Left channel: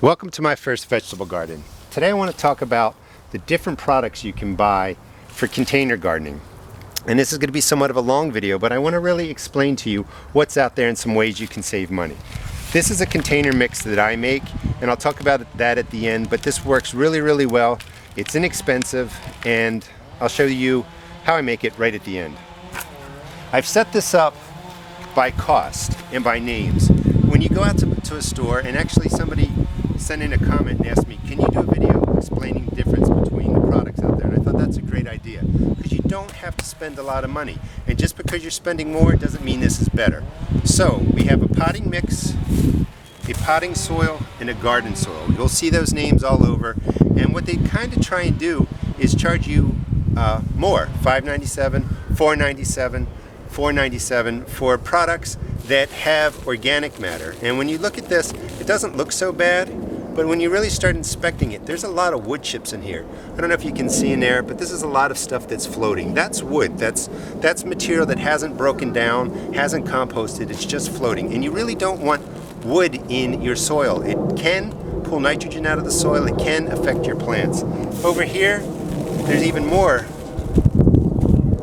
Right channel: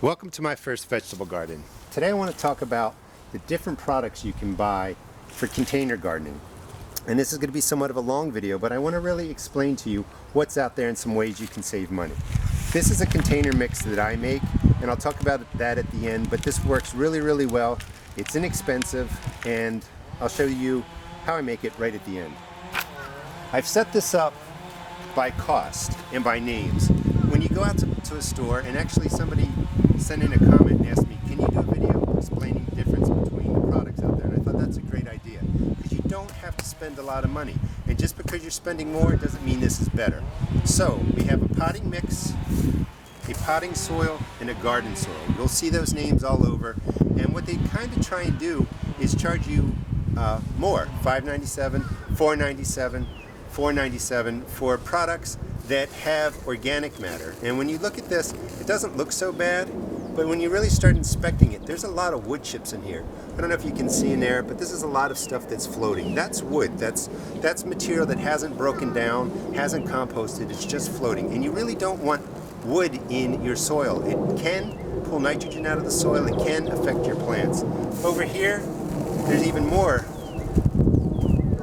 Welcome to my first vegetable garden. Today I want to talk about the different products you can buy for container gardening. And this is going to be somewhat of a long video, but I want to really explain to you what's out there and some ways you can save money. This is a container mix that I make, and I'll talk about that at the end, but this works really well. It's inexpensive, and I'll show you how I make it right at the end. I've set this up by cost and by names. When you go out to a store, and actually somebody sent in a comment and asked me, can you do a video explaining the difference between the products out there? And I thought that's a great idea, because you don't have to spend a lot of money. And just because you're spending more doesn't mean this is better. So we have a potting mix, a potting soil, and a garden soil. You'll see those names all over. And what they kind of try and do is charge you more, $5.97, $4.97, $4.97 for products that have organic matter. And when you look at this, it doesn't look so bad, but when you really start inspecting it, there's a lot of wood chips in here. I don't know if you can see in there, but this is a lot of stuff that's floating. That's wood. That's material that hasn't broken down, hasn't composted, it's just floating. And you really don't want wood in your soil. It can pull nitrogen out of the soil, it can affect your plants. Over here, there's even more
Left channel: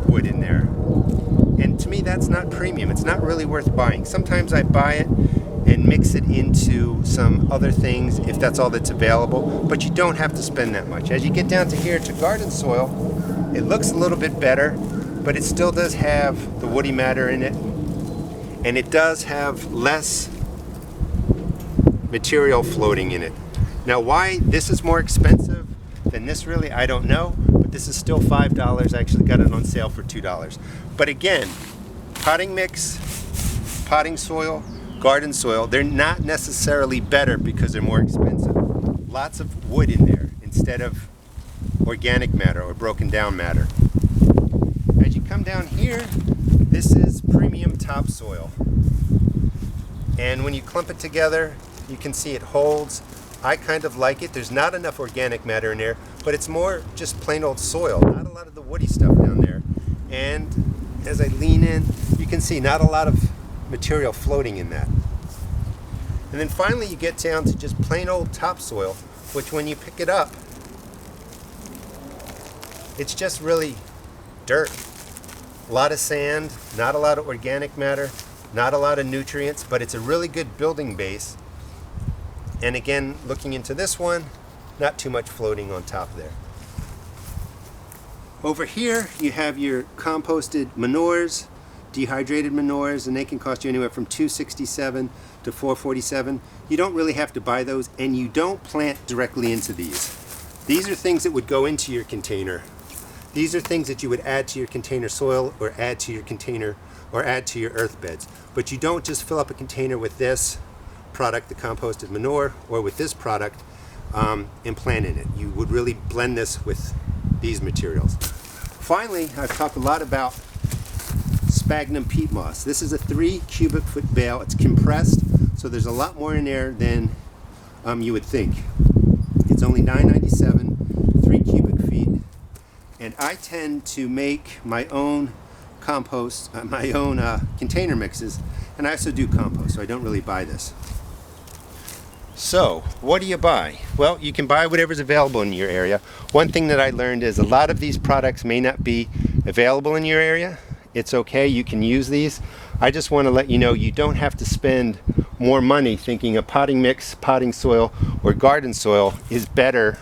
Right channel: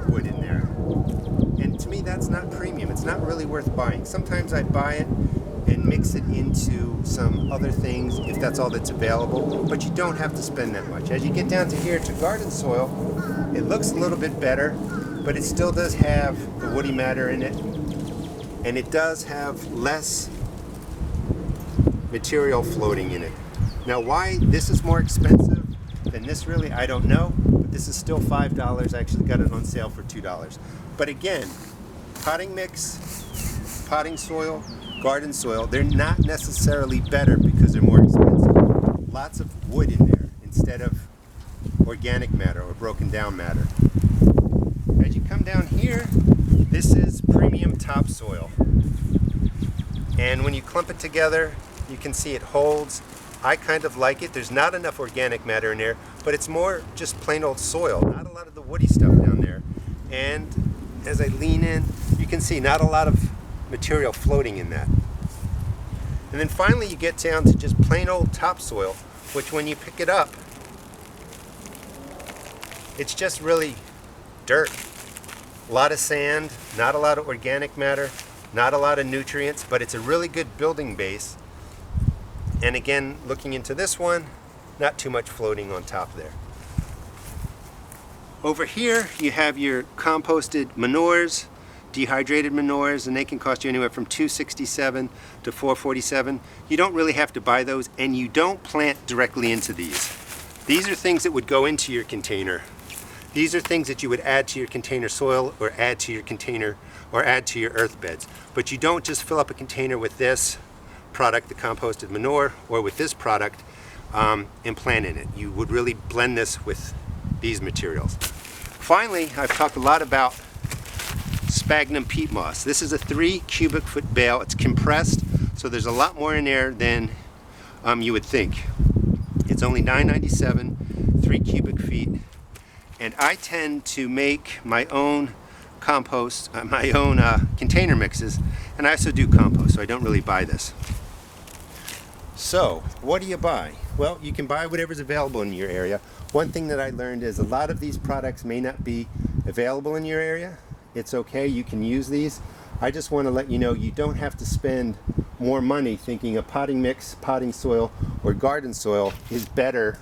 wood in there. And to me, that's not premium. It's not really worth buying. Sometimes I buy it and mix it into some other things if that's all that's available, but you don't have to spend that much. As you get down to here to garden soil, it looks a little bit better, but it still does have the woody matter in it, and it does have less material floating in it. Now, why this is more expensive than this, really, I don't know, but this is still $5. I actually got it on sale for $2. But again, potting mix, potting soil, garden soil, they're not necessarily better because they're more expensive. Lots of wood in there instead of organic matter or broken down matter. As you come down here, this is premium topsoil. And when you clump it together, you can see it holds. I kind of like it. There's not enough organic matter in there, but it's more just plain old soil, not a lot of the woody stuff down there. And as I lean in, you can see not a lot of material floating in that. And then finally you get down to just plain old topsoil, which when you pick it up, it's just really dirt. A lot of sand, not a lot of organic matter, not a lot of nutrients, but it's a really good building base. And again, looking into this one, not too much floating on top there. Over here, you have your composted manures, dehydrated manures, and they can cost you anywhere from $2.67 to $4.47. You don't really have to buy those, and you don't plant directly into these. These are things that would go into your container. These are things that you would add to your container soil or add to your container or add to your earth beds. But you don't just fill up a container with this product, the composted manure, or with this product and plant in it. You would really blend this with these materials. Finally, I've talked a lot about Spagna peat moss. This is a 3 cubic foot bale. It's compressed, so there's a lot more in there than you would think. It's only $9.97, 3 cubic feet, and I tend to make my own compost, my own container mixes, and I also do compost, so I don't really buy this. So, what do you buy? Well, you can buy whatever's available in your area. One thing that I learned is a lot of these products may not be available in your area. It's okay, you can use these. I just want to let you know you don't have to spend more money thinking a potting mix, potting soil, or garden soil is better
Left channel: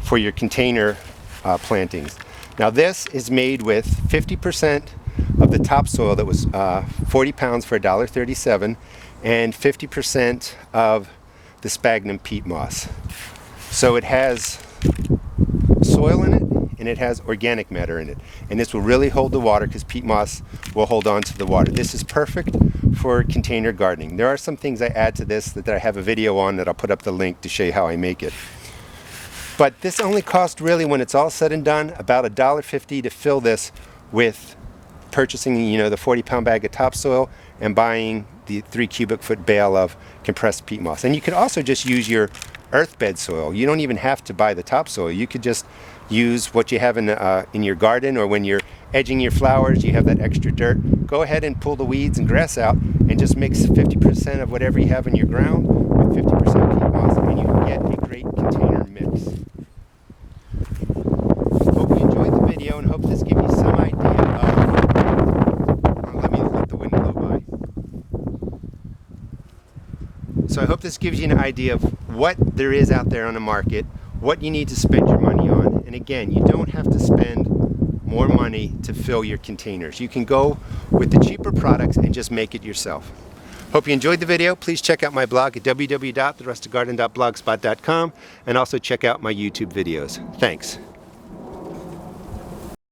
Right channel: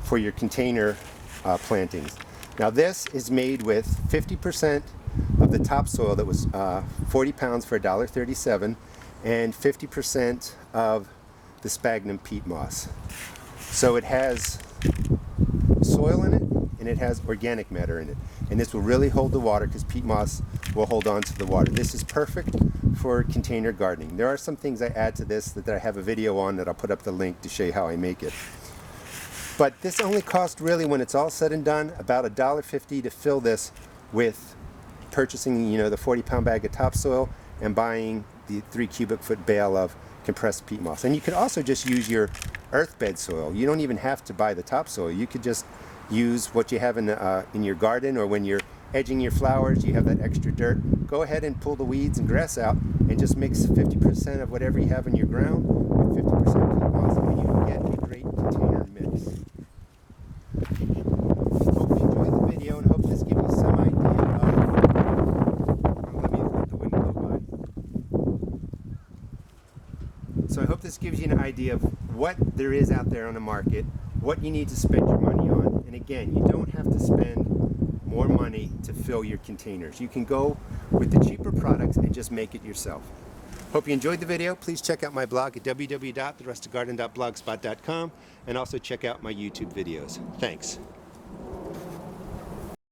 for your container plantings. Now this is made with 50% of the topsoil that was 40 pounds for $1.37 and 50% of the Spagna peat moss. So it has soil in it and it has organic matter in it, and this will really hold the water because peat moss will hold on to the water. This is perfect for container gardening. There are some things I add to this that I have a video on that I'll put up the link to show you how I make it. But this only costs really, when it's all said and done, about $1.50 to fill this with purchasing, the 40-pound bag of topsoil and buying the 3 cubic foot bale of compressed peat moss. And you could also just use your earth bed soil. You don't even have to buy the topsoil. You could just use what you have in your garden, or when you're edging your flowers, you have that extra dirt. Go ahead and pull the weeds and grass out and just mix 50% of whatever you have in your ground with 50% peat moss, and you great container mix. Hope you enjoyed the video and hope this gives you some idea of, let me let the wind blow by. So I hope this gives you an idea of what there is out there on the market, what you need to spend your money on. And again, you don't have to spend more money to fill your containers. You can go with the cheaper products and just make it yourself. Hope you enjoyed the video. Please check out my blog at www.therustedgarden.blogspot.com and also check out my YouTube videos. Thanks.